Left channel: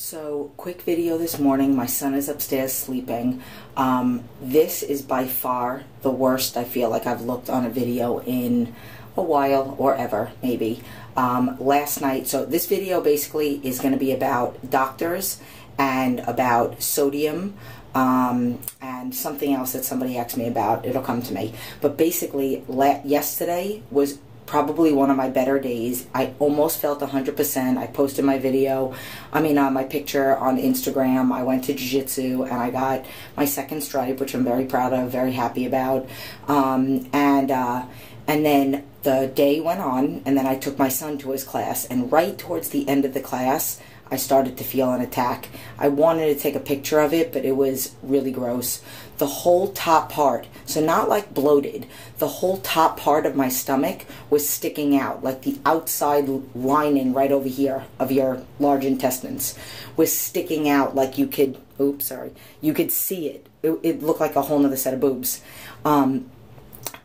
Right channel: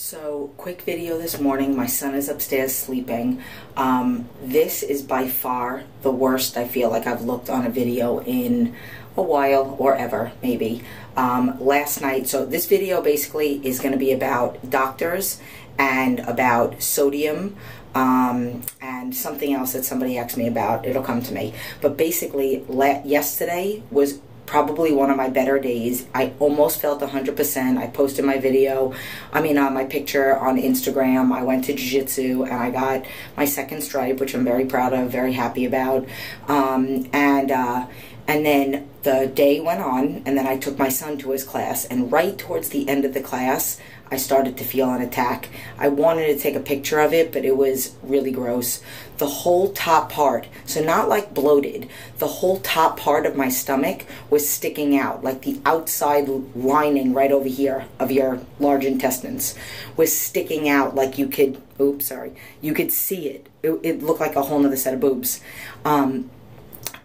So, quick video this morning. My son is upstairs sleeping. This is by far the worst I feel like I've looked on a video in a while, or ever, maybe. Last night, so this video basically is going to be about doctors and about sodium, and something else that somebody asked me about. It'll come to me. But basically, yesterday was probably one of my better days. I almost felt 100%. I posted my video, my picture on Instagram. I went to jiu-jitsu and I got my second stripe, which I'm very proud of, very happy about. And then the day went on, and then I took my son to his class, and right towards the end of the class, I started to feel an attack. I wanted to take a picture of it, but it was really gross. The whole top part, so not like bloated, the whole top part of my stomach was sticking out, like the outside lining right over here of your large intestines was sticking out, like you could, you could see it. It looked like a whole nother set of boobs.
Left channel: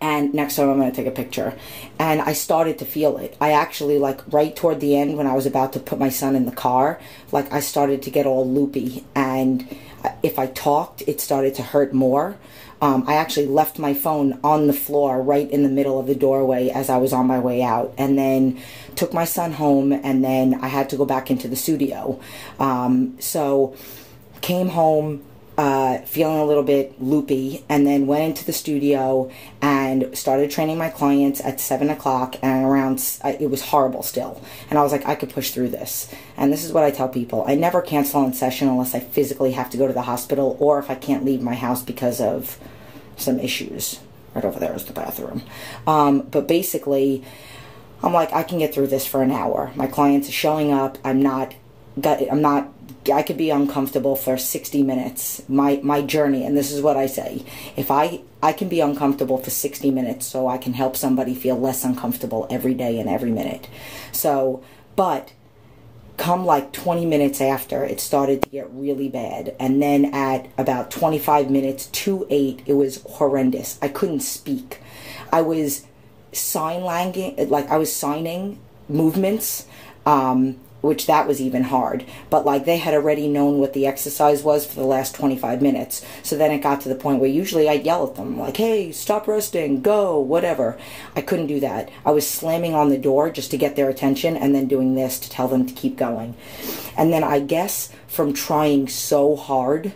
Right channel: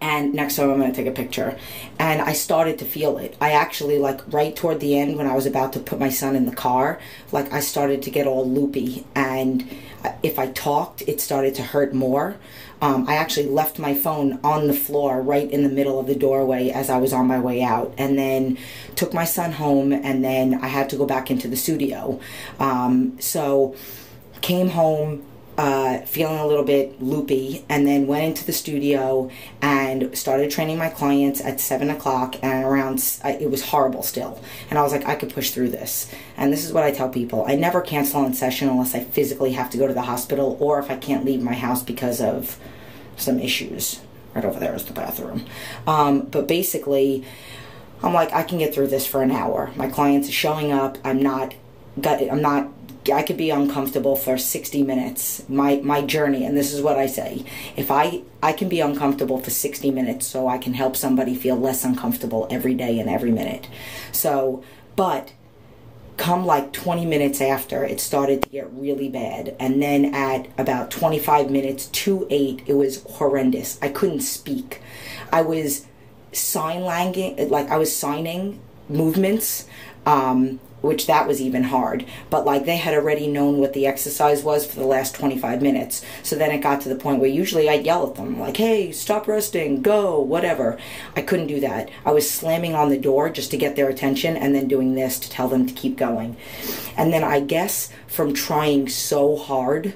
And next time I'm going to take a picture. And I started to feel it. I actually, like, right toward the end when I was about to put my son in the car, like, I started to get all loopy. And if I talked, it started to hurt more. I actually left my phone on the floor right in the middle of the doorway as I was on my way out. And then took my son home, and then I had to go back into the studio. So came home, feeling a little bit loopy, and then went into the studio and started training my clients at 7 o'clock, and around, it was horrible still. And I was like, I could push through this. And this is what I tell people. I never cancel in session unless I physically have to go to the hospital, or if I can't leave my house because of some issues. Right over there is the bathroom. But basically, I'm like, I can get through this for an hour. My clients are showing up. I could be uncomfortable for 60 minutes, my journey, and this is what I say. If I can be uncomfortable for 60 minutes so I can help somebody feel less uncomfortable every day and every minute. So, but come like 20 minutes after, it started to get really bad. And then at about 25 minutes to 8, it was horrendous. I couldn't speak. I was signing movements, which that was even hard. But, like, they had already known what the exercise was for the last 25 minutes. So then it got to the point where usually I'd yell at them, like, hey, stop resting, go, whatever. I couldn't do that. I was slamming on the door just to get their attention, and then doing this to tell them to keep going. And then I guess from trying so hard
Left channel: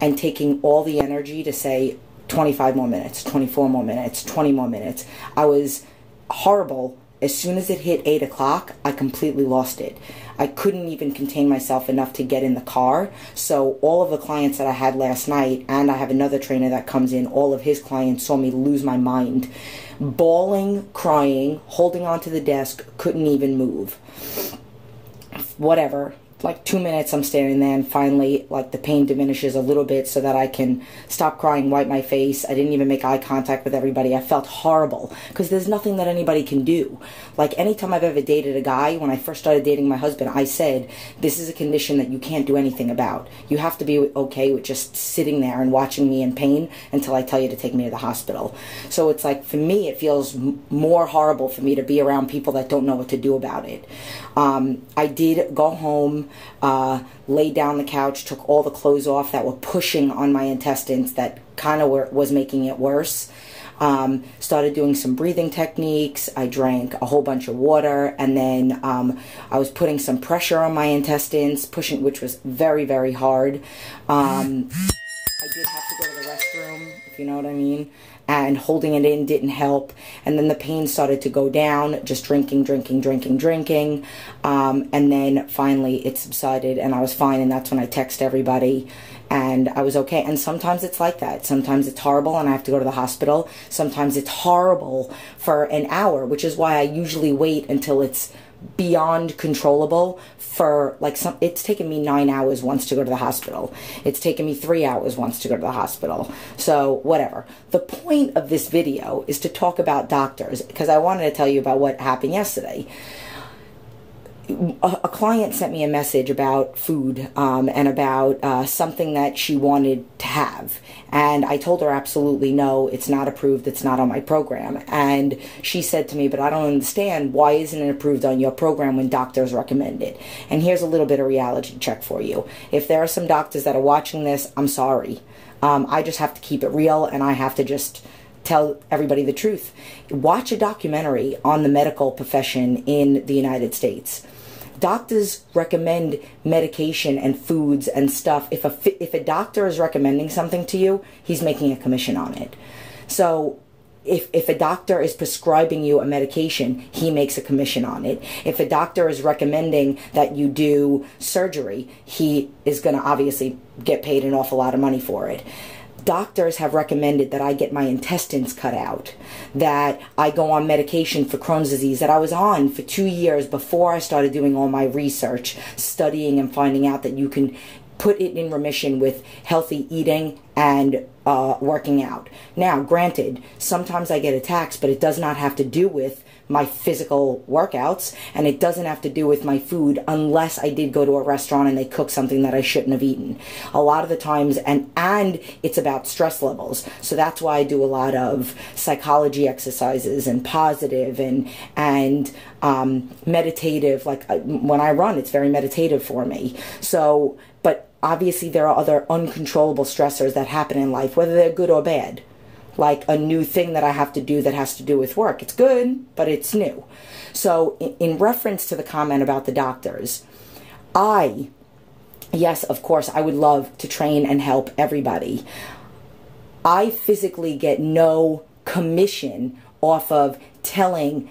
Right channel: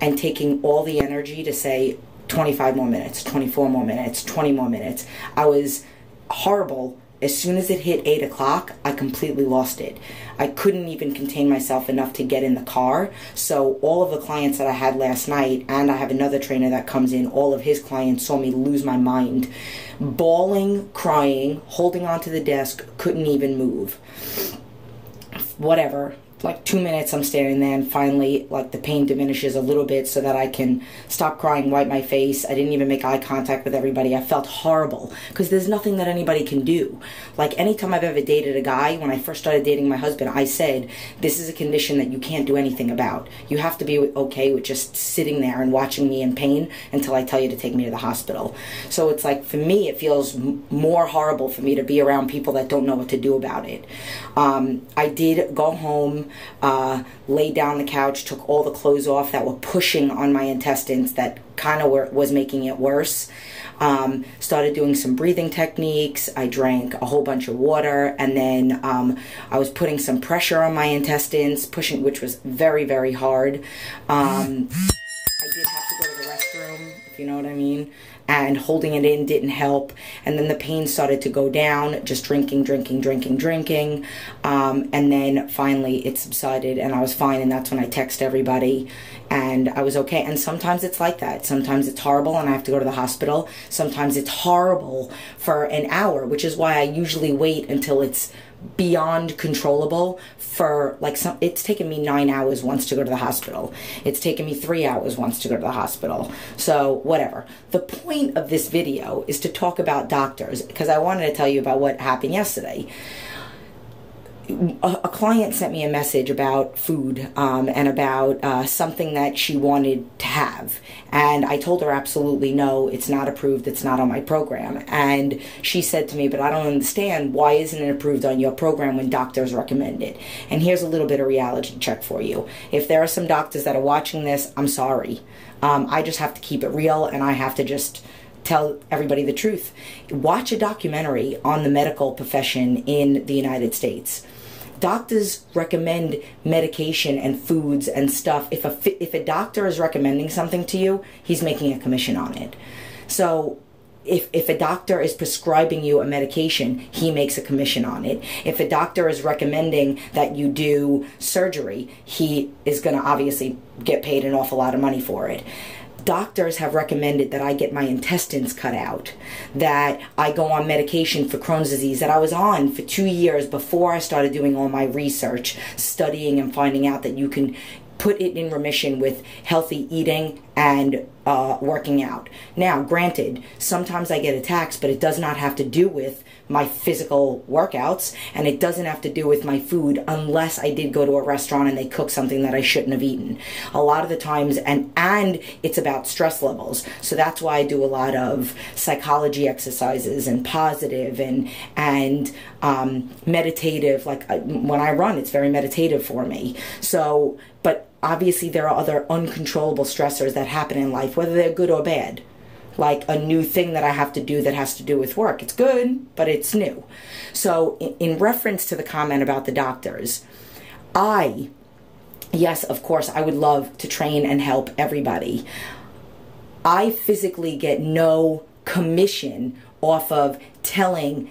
and taking all the energy to say 25 more minutes, 24 more minutes, 20 more minutes, I was horrible. As soon as it hit 8 o'clock, I completely lost it. I couldn't even contain myself enough to get in the car. So all of the clients that I had last night, and I have another trainer that comes in, all of his clients saw me lose my mind. Bawling, crying, holding onto the desk, couldn't even move. Whatever. Like 2 minutes I'm standing there, and finally, like, the pain diminishes a little bit so that I can stop crying, wipe my face. I didn't even make eye contact with everybody. I felt horrible because there's nothing that anybody can do. Like, anytime I've ever dated a guy, when I first started dating my husband, I said, this is a condition that you can't do anything about. You have to be okay with just sitting there and watching me in pain until I tell you to take me to the hospital. So it's like, for me, it feels more horrible for me to be around people that don't know what to do about it. I did go home, laid down on the couch, took all the clothes off that were pushing on my intestines that kind of was making it worse. Started doing some breathing techniques. I drank a whole bunch of water, and then I was putting some pressure on my intestines, pushing, which was very, very hard. I did have to go to the restroom, if you know what I mean, and holding it in didn't help. And then the pain started to go down, just drinking. And then finally it subsided, and I was fine, and that's when I text everybody, and I was okay. And sometimes it's like that. Sometimes it's horrible, and I have to go to the hospital. Sometimes it's horrible for an hour, which is why I usually wait until it's beyond controllable. For like it's taken me 9 hours once to go to the hospital. It's taken me 3 hours once to go to the hospital. So whatever. The point of this video is to talk about doctors, because I wanted to tell you about what happened yesterday. a client sent me a message about food and about something that she wanted to have. And I told her absolutely no, it's not approved, it's not on my program. And she said to me, but I don't understand, why isn't it approved on your program when doctors recommend it? And here's a little bit of reality check for you. If there are some doctors that are watching this, I'm sorry. I just have to keep it real, and I have to just tell everybody the truth. Watch a documentary on the medical profession in the United States. Doctors recommend medication and foods and stuff. If a doctor is recommending something to you, he's making a commission on it. So if a doctor is prescribing you a medication, he makes a commission on it. If a doctor is recommending that you do surgery, he is going to obviously get paid an awful lot of money for it. Doctors have recommended that I get my intestines cut out, that I go on medication for Crohn's disease that I was on for 2 years before I started doing all my research, studying and finding out that you can put it in remission with healthy eating and working out. Now, granted, sometimes I get attacks, but it does not have to do with my physical workouts, and it doesn't have to do with my food unless I did go to a restaurant and they cook something that I shouldn't have eaten. A lot of the times, and it's about stress levels. So that's why I do a lot of psychology exercises and positive and meditative. Like when I run, it's very meditative for me. So, but obviously there are other uncontrollable stressors that happen in life, whether they're good or bad. Like a new thing that I have to do that has to do with work. It's good, but it's new. So in reference to the comment about the doctors, yes, of course, I would love to train and help everybody. I physically get no commission off of telling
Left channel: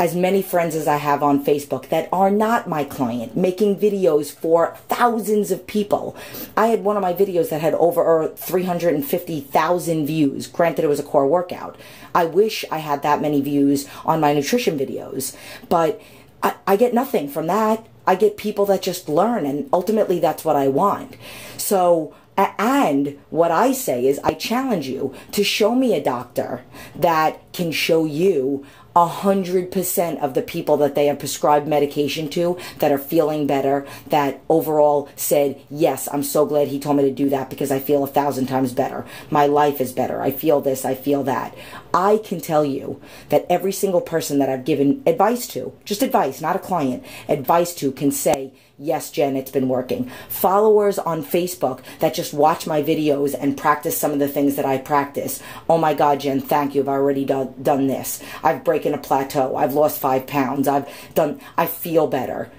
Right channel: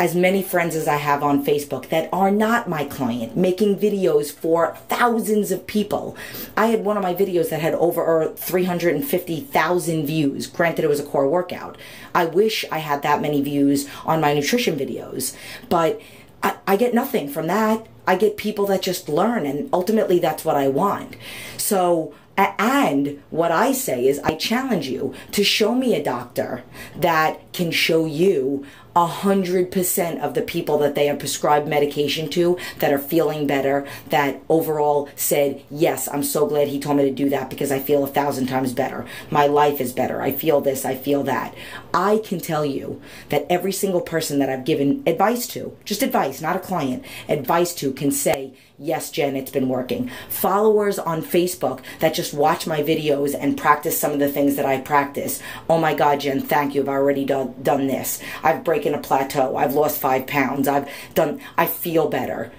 as many friends as I have on Facebook that are not my client, making videos for thousands of people. I had one of my videos that had over 350,000 views. Granted, it was a core workout. I wish I had that many views on my nutrition videos, but I get nothing from that. I get people that just learn, and ultimately that's what I want. So, and what I say is I challenge you to show me a doctor that can show you 100% of the people that they have prescribed medication to that are feeling better, that overall said, yes, I'm so glad he told me to do that because I feel 1,000 times better. My life is better. I feel this. I feel that. I can tell you that every single person that I've given advice to, just advice, not a client, advice to can say, yes, Jen, it's been working. Followers on Facebook that just watch my videos and practice some of the things that I practice. Oh my God, Jen, thank you. I've already done this. I've broken a plateau. I've lost 5 pounds. I feel better.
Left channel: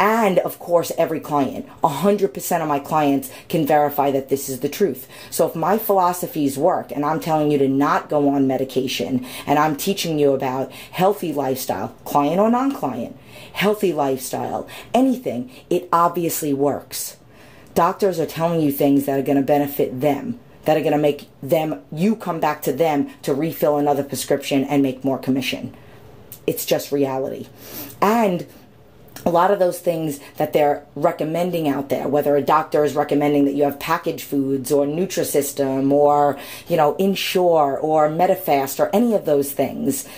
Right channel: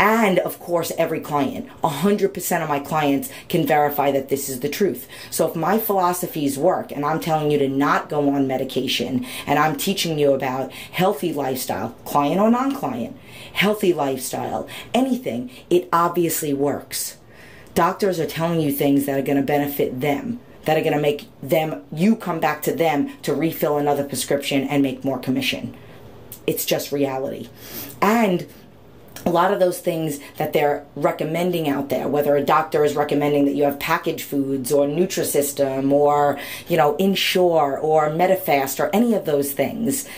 And, of course, every client, 100% of my clients can verify that this is the truth. So if my philosophies work and I'm telling you to not go on medication and I'm teaching you about healthy lifestyle, client or non-client, healthy lifestyle, anything, it obviously works. Doctors are telling you things that are going to benefit them, that are going to make you come back to them to refill another prescription and make more commission. It's just reality. And a lot of those things that they're recommending out there, whether a doctor is recommending that you have packaged foods or Nutrisystem or, Ensure or Medifast or any of those things,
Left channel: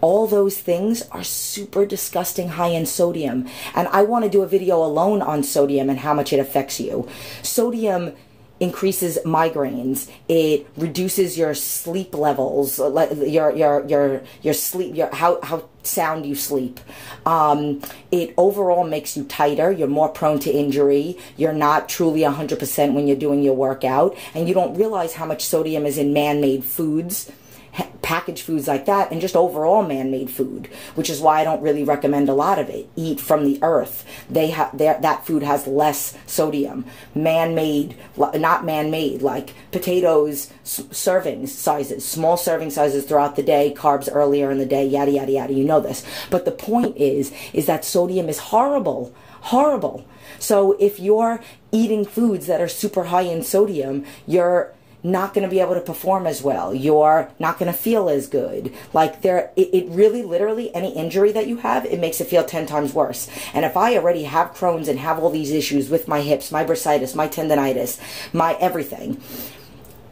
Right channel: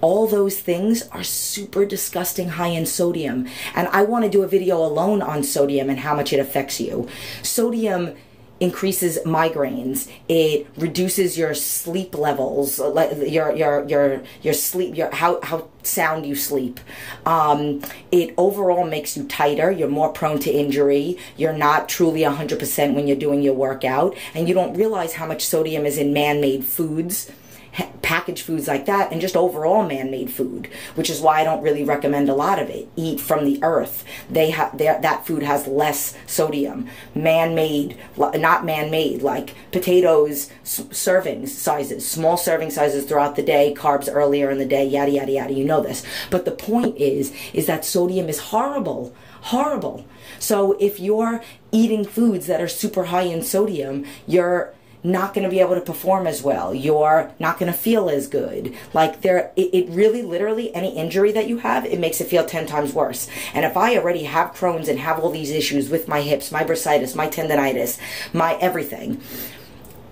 all those things are super disgusting high in sodium. And I want to do a video alone on sodium and how much it affects you. Sodium increases migraines. It reduces your sleep levels, like your sleep, how sound you sleep. It overall makes you tighter. You're more prone to injury. You're not truly 100% when you're doing your workout, and you don't realize how much sodium is in man-made foods, packaged foods like that, and just overall man-made food, which is why I don't really recommend a lot of it. Eat from the earth. That food has less sodium. Man-made, not man-made, like potatoes, serving sizes, small serving sizes throughout the day, carbs earlier in the day, yada, yada, yada. You know this. But the point is that sodium is horrible. Horrible. So if you're eating foods that are super high in sodium, you're not going to be able to perform as well. You're not going to feel as good. Like it really, literally, any injury that you have, it makes it feel 10 times worse. And if I already have Crohn's and have all these issues with my hips, my bursitis, my tendonitis, my everything,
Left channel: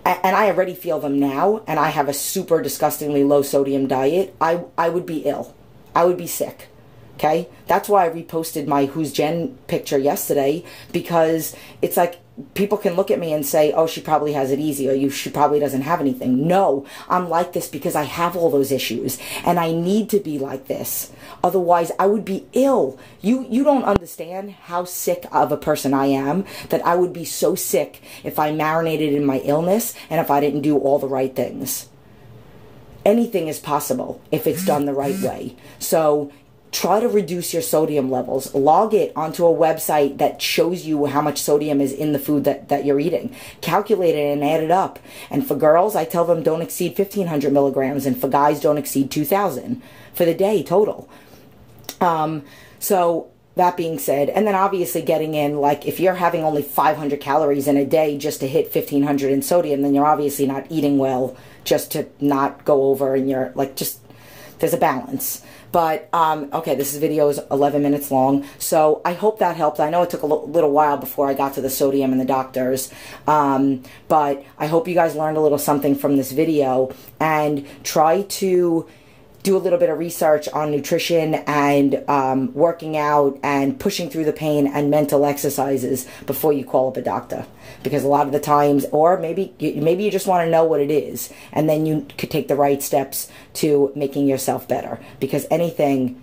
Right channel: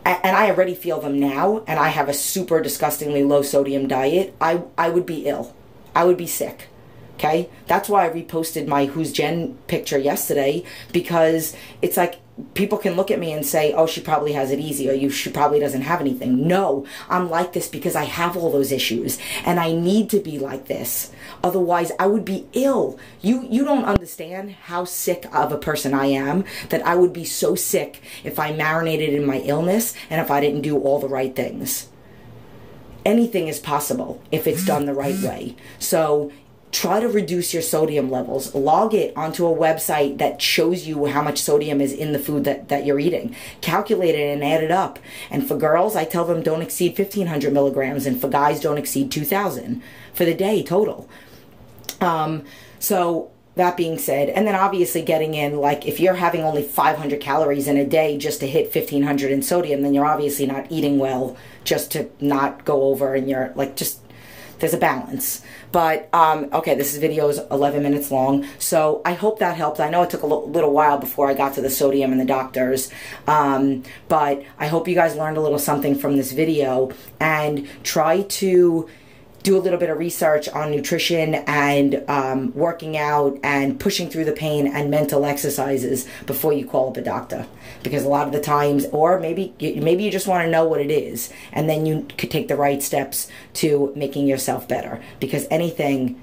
and I already feel them now, and I have a super disgustingly low sodium diet, I would be ill. I would be sick. Okay? That's why I reposted my Who's Jen picture yesterday, because it's like, people can look at me and say, oh, she probably has it easy, or she probably doesn't have anything. No, I'm like this because I have all those issues, and I need to be like this. Otherwise, I would be ill. You don't understand how sick of a person I am, that I would be so sick if I marinated in my illness and if I didn't do all the right things. Anything is possible if it's done the right way. So try to reduce your sodium levels. Log it onto a website that shows you how much sodium is in the food that you're eating. Calculate it and add it up. And for girls, I tell them don't exceed 1,500 milligrams. And for guys, don't exceed 2,000 for the day total. So that being said, and then obviously getting in, like, if you're having only 500 calories in a day just to hit 1,500 in sodium, then you're obviously not eating well just to not go over, and you're, like, just, there's a balance. But, okay, this video is 11 minutes long, so I hope that helped. I know it took a little while before I got to the sodium and the doctors, but I hope you guys learned a little something from this video, and try to do a little bit of research on nutrition and working out and pushing through the pain and mental exercises before you call up a doctor. Because a lot of the times, or maybe you just want to know what it is, and then you could take the right steps to making yourself better. Because anything,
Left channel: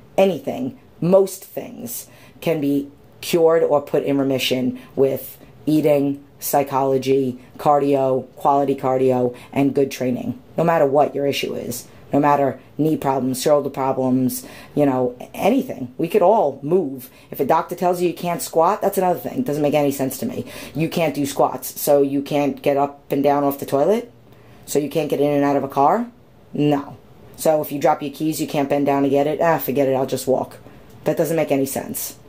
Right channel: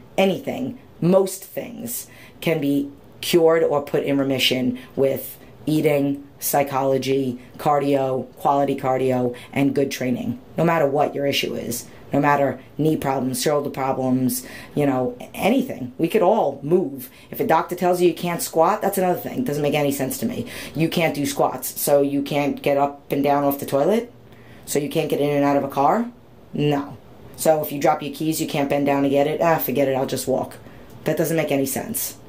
most things can be cured or put in remission with eating, psychology, cardio, quality cardio, and good training. No matter what your issue is. No matter knee problems, shoulder problems, you know, anything. We could all move. If a doctor tells you can't squat, that's another thing. It doesn't make any sense to me. You can't do squats, so you can't get up and down off the toilet? So you can't get in and out of a car? No. So if you drop your keys, you can't bend down to get it? Forget it, I'll just walk. That doesn't make any sense.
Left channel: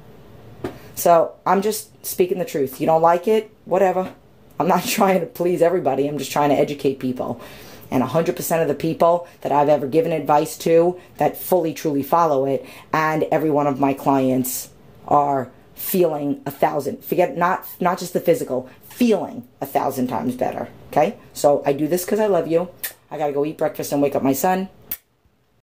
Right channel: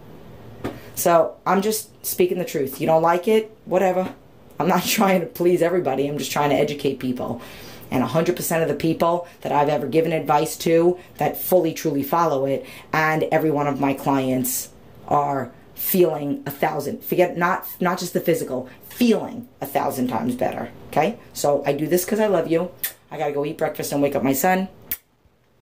So I'm just speaking the truth. You don't like it? Whatever. I'm not trying to please everybody. I'm just trying to educate people. And 100% of the people that I've ever given advice to that fully, truly follow it, and every one of my clients are feeling 1,000. Forget, not just the physical, feeling 1,000 times better, okay? So I do this because I love you. I got to go eat breakfast and wake up my son.